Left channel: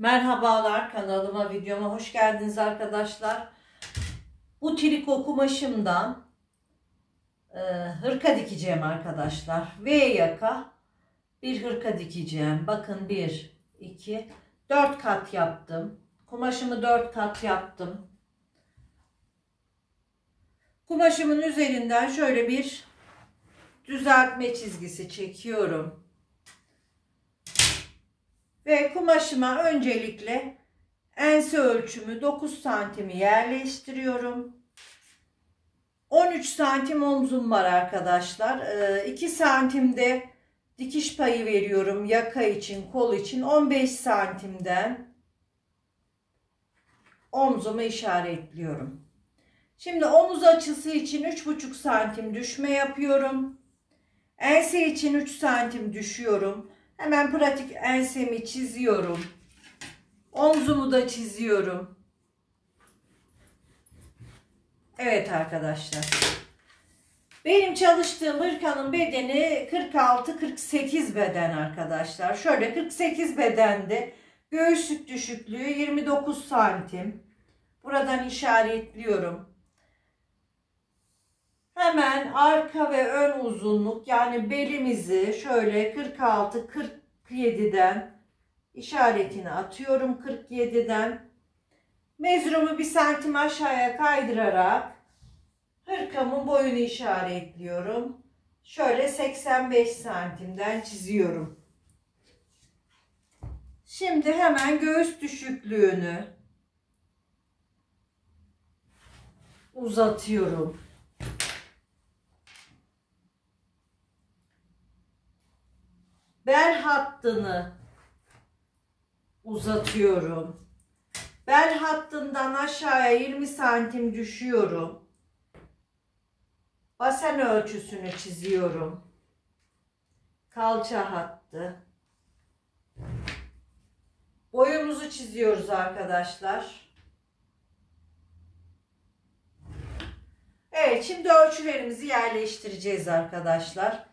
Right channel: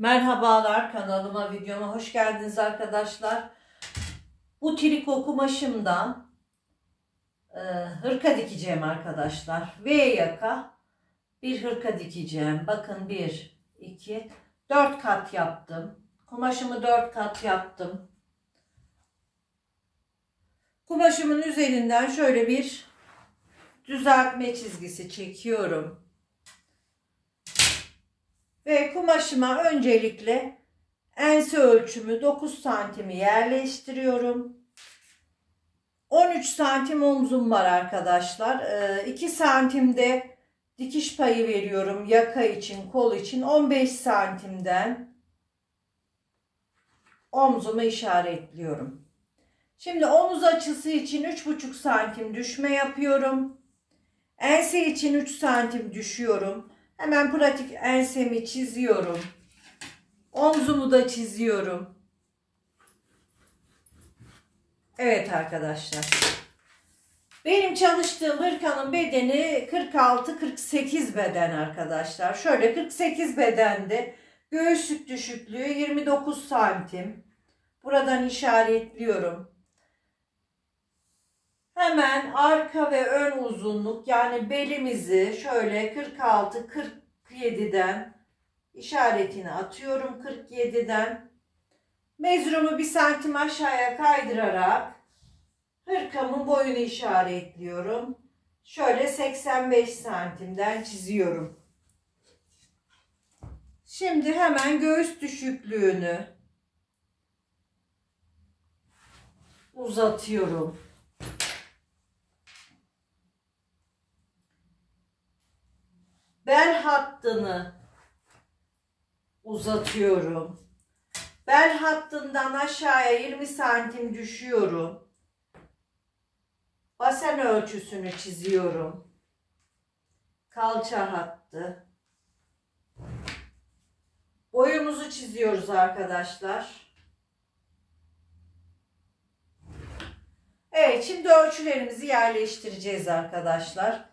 Merhabalar, kanalıma, videoma hoş geldiniz arkadaşlar. Bu triko kumaşımdan hırka dikeceğim arkadaşlar. V yaka bir hırka dikeceğim. Bakın 1, 2, 4 kat yaptım. Kumaşımı 4 kat yaptım. Kumaşımın üzerinden şöyle bir düzeltme çizgisi çekiyorum. Ve kumaşıma öncelikle ense ölçümü 9 santimi yerleştiriyorum. 13 santim omzum var arkadaşlar. 2 santimde dikiş payı veriyorum yaka için, kol için. 15 santimden omzumu işaretliyorum. Şimdi omuz açısı için 3,5 santim düşme yapıyorum. Ense için 3 santim düşüyorum. Hemen pratik ensemi çiziyorum. Omzumu da çiziyorum. Evet arkadaşlar. Benim çalıştığım hırkanın bedeni 46-48 beden arkadaşlar. Şöyle 48 bedende göğüslük düşüklüğü 29 santim. Buradan işaretliyorum. Hemen arka ve ön uzunluk, yani belimizi şöyle 46-47'den işaretini atıyorum. 47'den mezurumu 1 santim aşağıya kaydırarak hırkamın boyunu işaretliyorum. Şöyle 85 santimden çiziyorum. Şimdi hemen göğüs düşüklüğünü uzatıyorum. Bel hattını uzatıyorum. Bel hattından aşağıya 20 santim düşüyorum. Basen ölçüsünü çiziyorum. Kalça hattı. Boyumuzu çiziyoruz arkadaşlar. Evet, şimdi ölçülerimizi yerleştireceğiz arkadaşlar.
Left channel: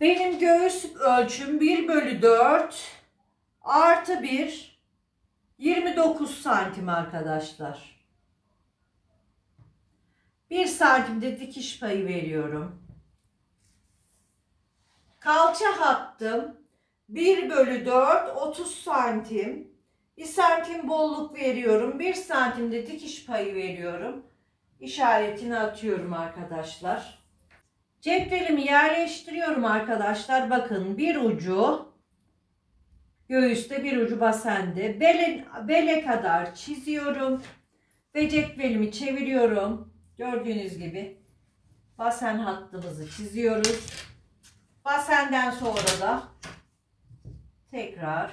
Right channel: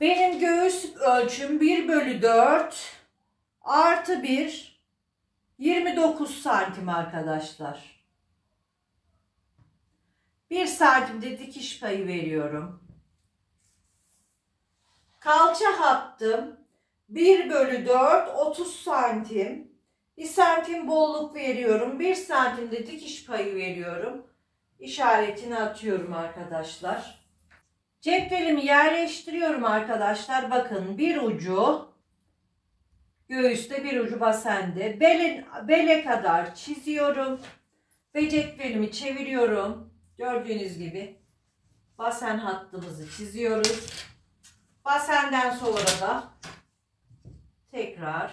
Benim göğüs ölçüm 1/4 artı 1 29 santim arkadaşlar. 1 santimde dikiş payı veriyorum. Kalça hattım 1/4 30 santim. 1 santim bolluk veriyorum. 1 santimde dikiş payı veriyorum. İşaretini atıyorum arkadaşlar. Ceplerimi yerleştiriyorum arkadaşlar. Bakın, bir ucu göğüste, bir ucu basende. Bele kadar çiziyorum. Ve cetvelimi çeviriyorum. Gördüğünüz gibi basen hattımızı çiziyoruz. Basenden sonra da tekrar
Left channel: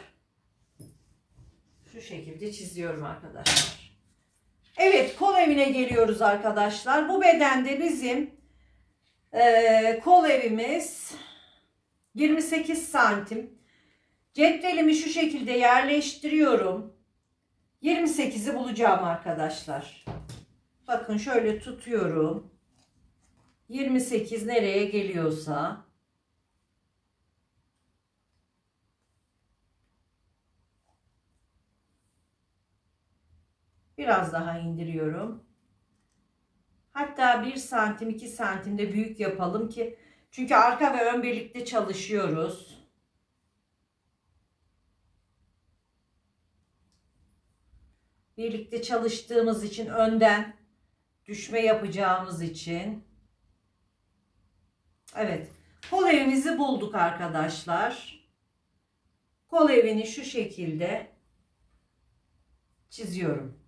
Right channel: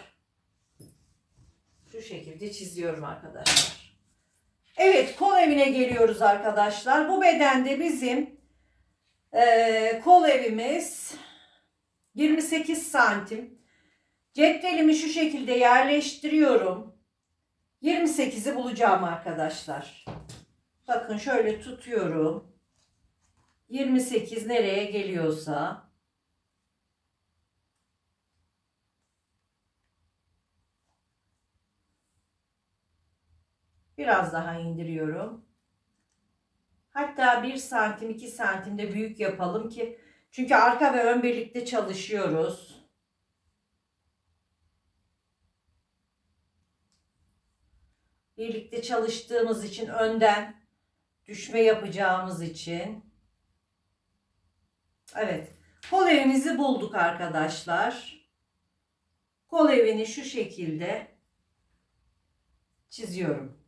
şu şekilde çiziyorum arkadaşlar. Evet, kol evine geliyoruz arkadaşlar. Bu bedende bizim kol evimiz 28 santim. Cetvelimi şu şekilde yerleştiriyorum. 28'i bulacağım arkadaşlar. Bakın şöyle tutuyorum. 28 nereye geliyorsa. Biraz daha indiriyorum. Hatta 1 santim 2 santimde büyük yapalım ki, çünkü arka ve ön birlikte çalışıyoruz. Birlikte çalıştığımız için, önden düşme yapacağımız için. Evet, kol evimizi bulduk arkadaşlar. Kol evini şu şekilde çiziyorum.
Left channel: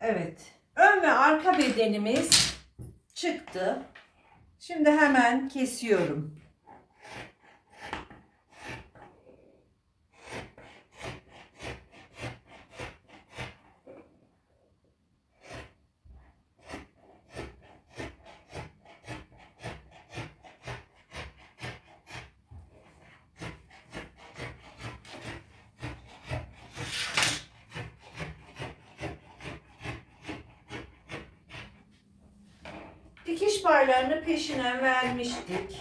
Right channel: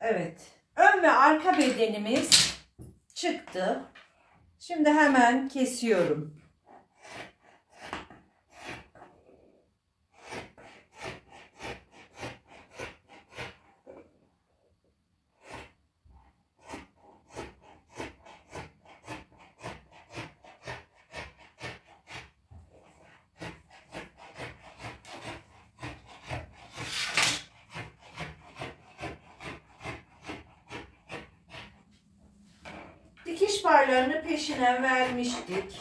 Evet, ön ve arka bedenimiz çıktı. Şimdi hemen kesiyorum. dikiş parlarını peşine vermiştik.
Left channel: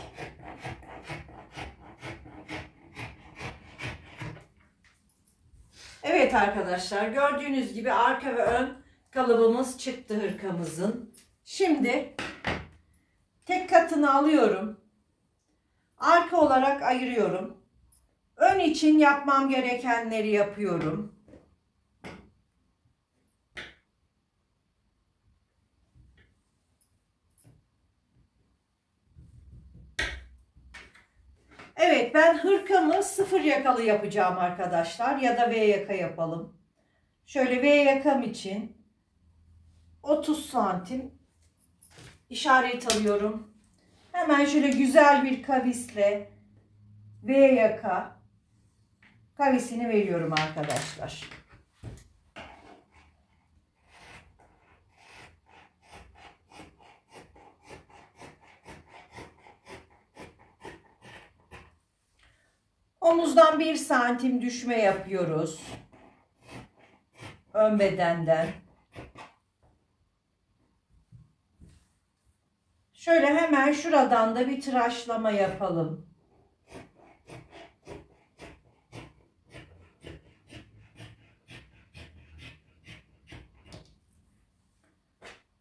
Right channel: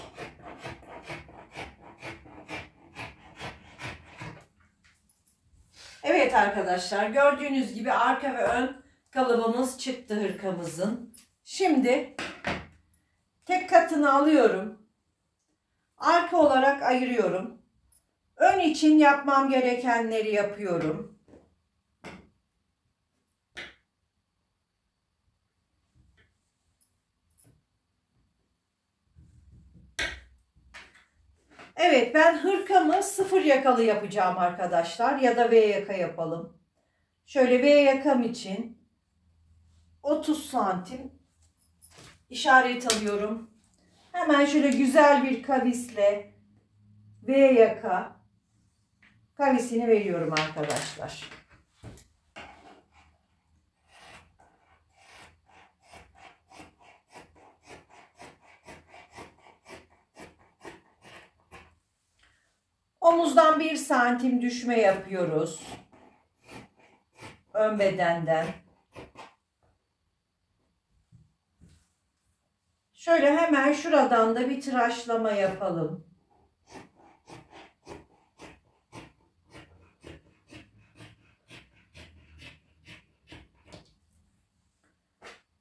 Evet arkadaşlar, gördüğünüz gibi arka ve ön kalıbımız çıktı hırkamızın. Şimdi tek katını alıyorum. Arka olarak ayırıyorum. Ön için yapmam gerekenleri yapıyorum. Evet, ben hırkamı 0 yakalı yapacağım arkadaşlar, ya da V yaka yapalım. Şöyle V yakam için 30 santim işaret alıyorum. Hemen şöyle güzel bir kavisle V yaka kavisini veriyorum arkadaşlar. Omuzdan 1 santim düşme yapıyoruz. Ön bedenden. Şöyle hemen şuradan da bir tıraşlama yapalım.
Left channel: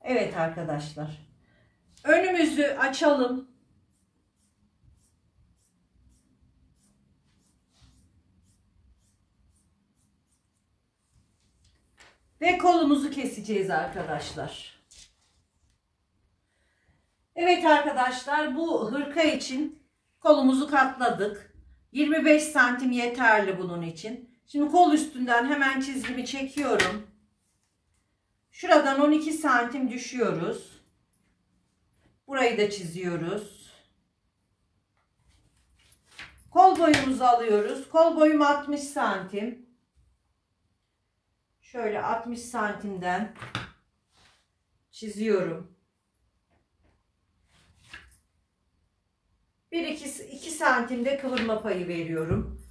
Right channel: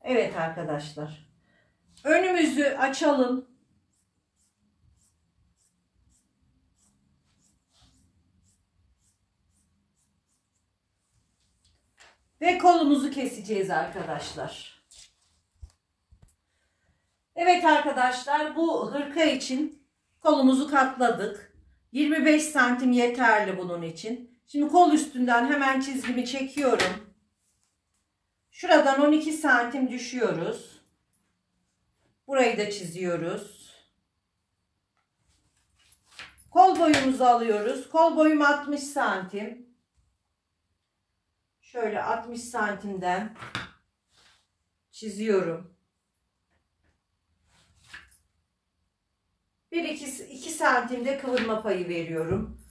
Evet arkadaşlar. Önümüzü açalım. Ve kolumuzu keseceğiz arkadaşlar. Evet arkadaşlar, bu hırka için kolumuzu katladık. 25 santim yeterli bunun için. Şimdi kol üstünden hemen çizgimi çekiyorum. Şuradan 12 santim düşüyoruz. Burayı da çiziyoruz. Kol boyumuzu alıyoruz. Kol boyum 60 santim. Şöyle 60 santimden çiziyorum. 1-2 santimde kıvırma payı veriyorum.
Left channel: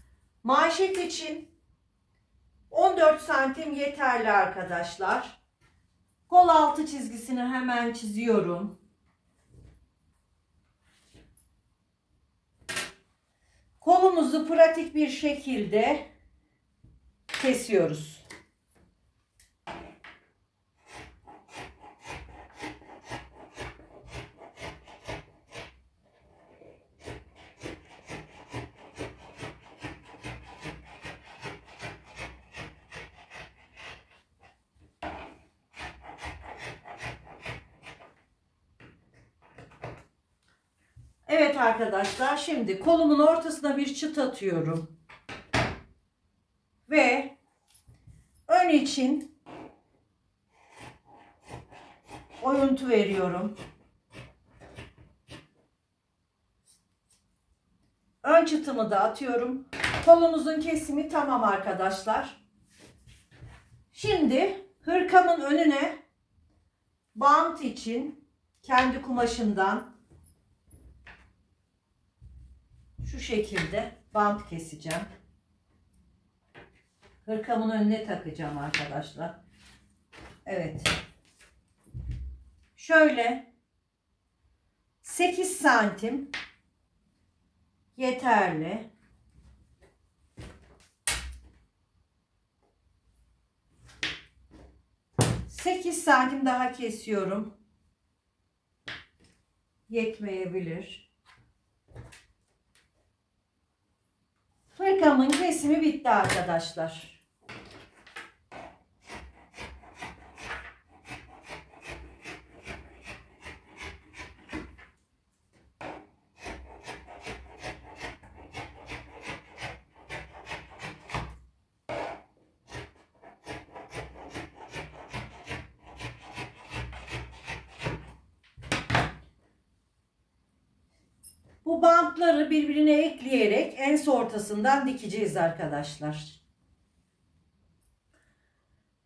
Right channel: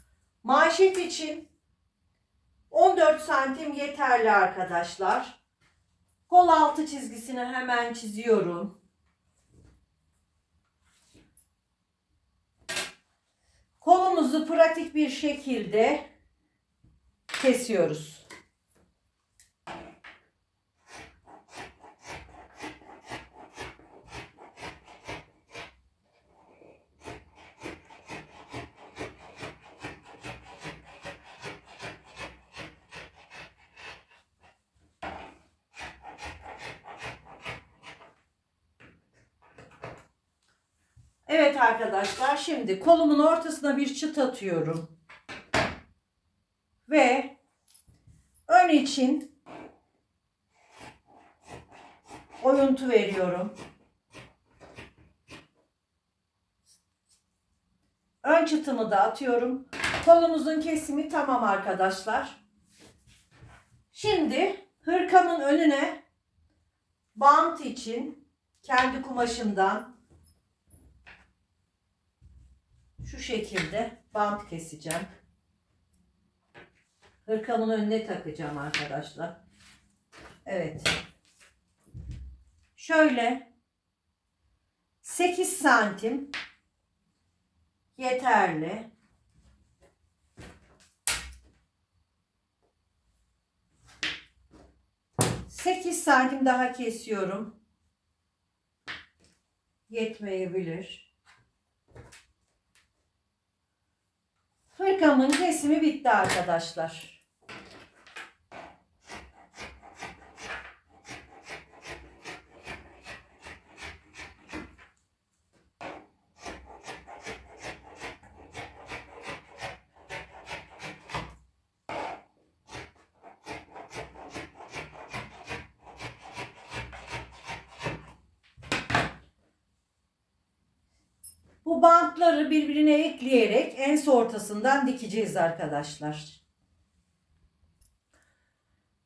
Manşet için 14 santim yeterli arkadaşlar. Kol altı çizgisini hemen çiziyorum. Kolumuzu pratik bir şekilde kesiyoruz. Evet arkadaşlar, şimdi kolumun ortasına bir çıt atıyorum. Ve ön için oyuntu veriyorum. Ön çıtımı da atıyorum. Kolumuzun kesimi tamam arkadaşlar. Şimdi hırkamın önüne bant için kendi kumaşımdan şu şekilde bant keseceğim. Hırkamın önüne takacağım arkadaşlar. Evet. Şöyle 8 santim yeterli. Sekiz santim daha kesiyorum. Yetmeyebilir. Hırkamın kesimi bitti arkadaşlar. Bu bantları birbirine ekleyerek en ortasından dikeceğiz arkadaşlar.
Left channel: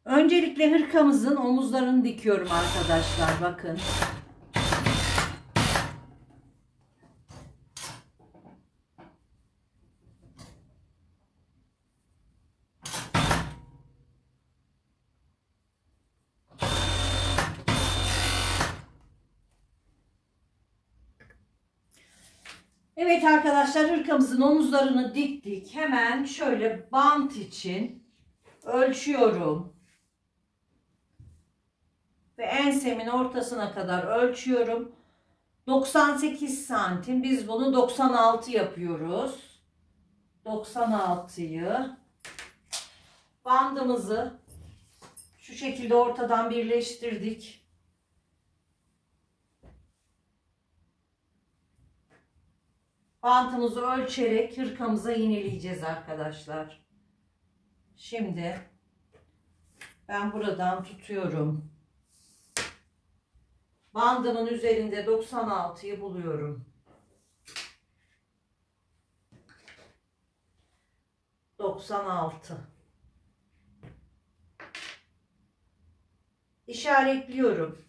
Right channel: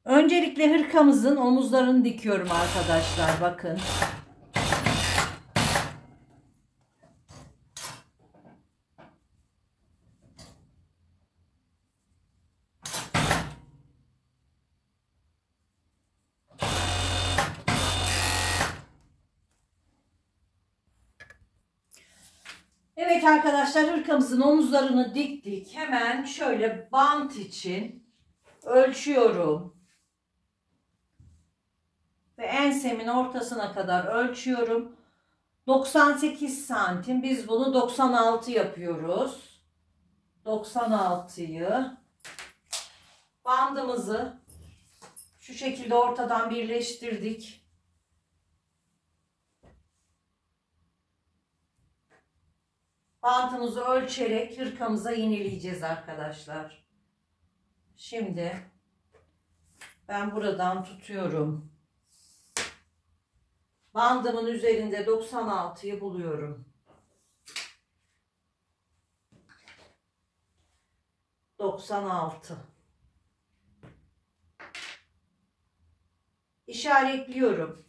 Öncelikle hırkamızın omuzlarını dikiyorum arkadaşlar. Bakın. Evet arkadaşlar, hırkamızın omuzlarını diktik. Hemen şöyle bant için ölçüyorum. Ve ensemin ortasına kadar ölçüyorum. 98 santim. Biz bunu 96 yapıyoruz. 96'yı bandımızı şu şekilde ortadan birleştirdik. Bantımızı ölçerek hırkamıza iğneleyeceğiz arkadaşlar. Şimdi ben buradan tutuyorum. Bandımın üzerinde 96'yı buluyorum. 96. İşaretliyorum.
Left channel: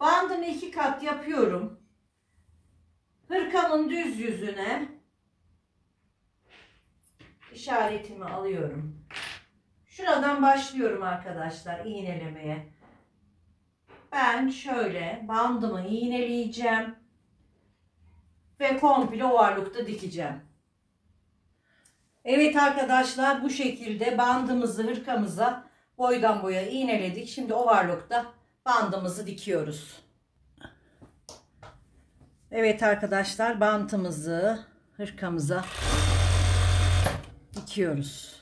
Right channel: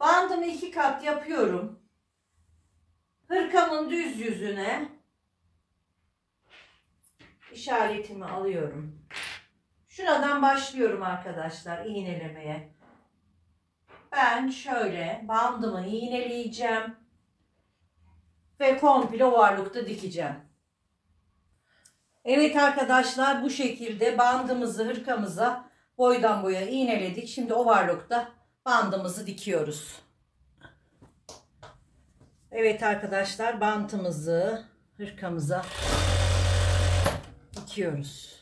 Bandımı 2 kat yapıyorum. Hırkamın düz yüzüne işaretimi alıyorum. Şuradan başlıyorum arkadaşlar iğnelemeye. Ben şöyle bandımı iğneleyeceğim ve komple ovarlıkta dikeceğim. Evet arkadaşlar, bu şekilde bandımızı hırkamıza boydan boya iğneledik. Şimdi ovarlıkta bandımızı dikiyoruz. Evet arkadaşlar, bantımızı hırkamıza dikiyoruz.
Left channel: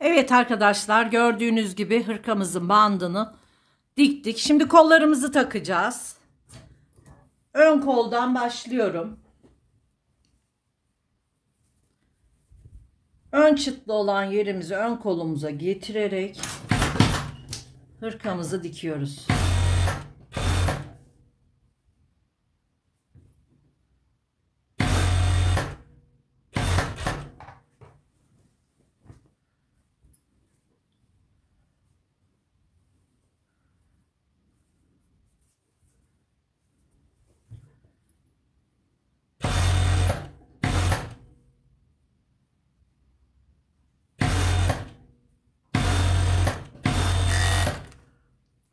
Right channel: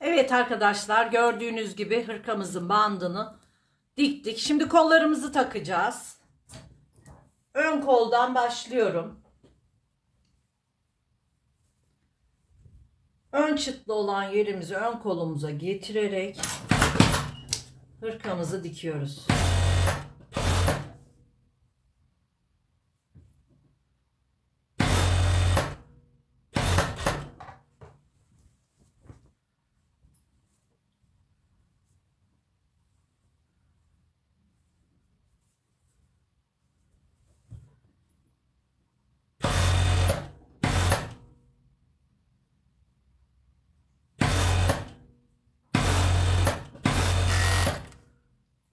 Evet arkadaşlar, gördüğünüz gibi hırkamızın bandını diktik. Şimdi kollarımızı takacağız. Ön koldan başlıyorum. Ön çıtlı olan yerimizi ön kolumuza getirerek hırkamızı dikiyoruz.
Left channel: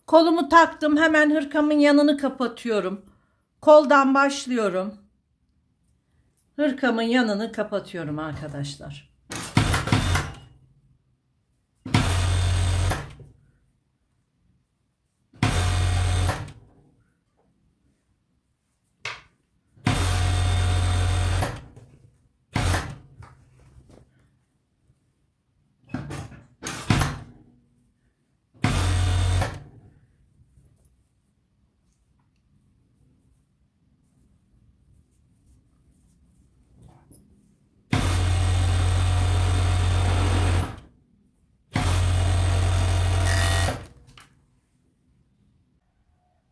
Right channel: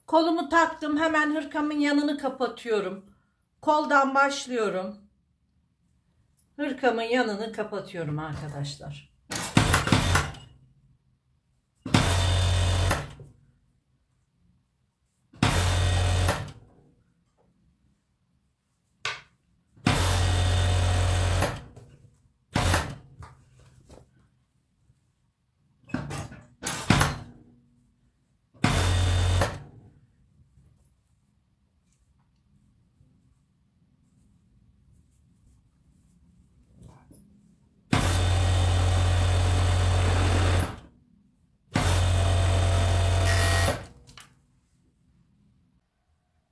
Kolumu taktım. Hemen hırkamın yanını kapatıyorum. Koldan başlıyorum. Hırkamın yanını kapatıyorum arkadaşlar.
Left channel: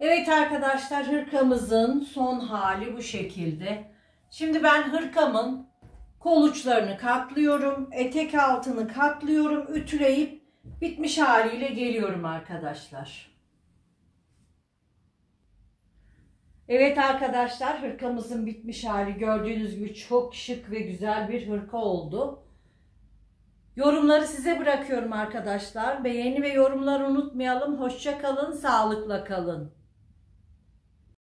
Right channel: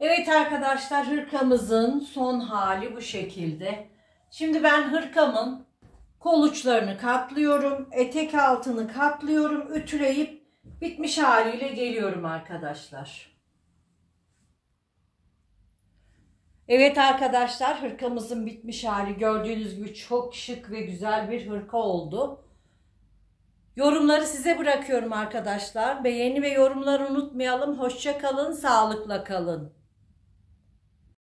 Evet arkadaşlar, hırkamızın son hali bu şekilde. Şimdi ben hırkamın Kol uçlarını katlıyorum. Etek altını katlıyorum. Ütüleyip bitmiş haliyle geliyorum arkadaşlar. Evet arkadaşlar, hırkamızın bitmiş hali gördüğünüz gibi çok şık ve güzel bir hırka oldu. Yorumları size bırakıyorum arkadaşlar. Beğeni ve yorumları unutmayalım. Hoşça kalın, sağlıkla kalın.